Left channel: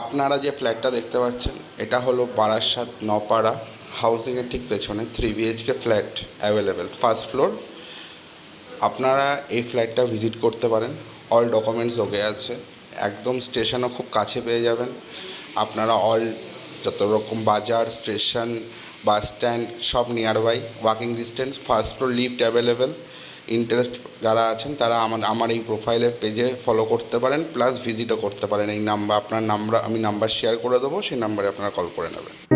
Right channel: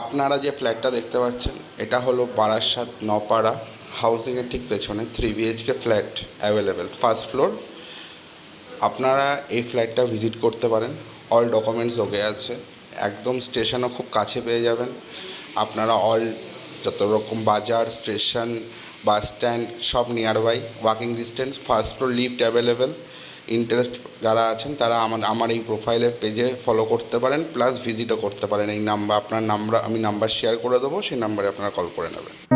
আপনারা যে ফ্ল্যাটটা দেখতে পাচ্ছেন এটা হলো বারাসাত নপাড়া হাউজিংয়ের ঠিক পেছনে 3 BHK flat available, first floor. আপনারা এই ফ্ল্যাটটা ভিজিট করতে পারেন, অল ডকুমেন্টস ওকে আছে, একদম স্টেশনও খুব কাছে পেয়ে যাবেন। আপনারা যত রকম বাজার, স্টেশন, বাস স্ট্যান্ড সব nearby, walking distance. First floor lift available. Interest যারা আছেন তারা আমার এই প্রোফাইলের পেজে ফলো করতে পারেন, প্লাস ভিজিটও করতে পারেন। আপনার নাম্বার আমি শেয়ার করে দেবো, সেই নাম্বারে আপনারা কল করে নেবেন।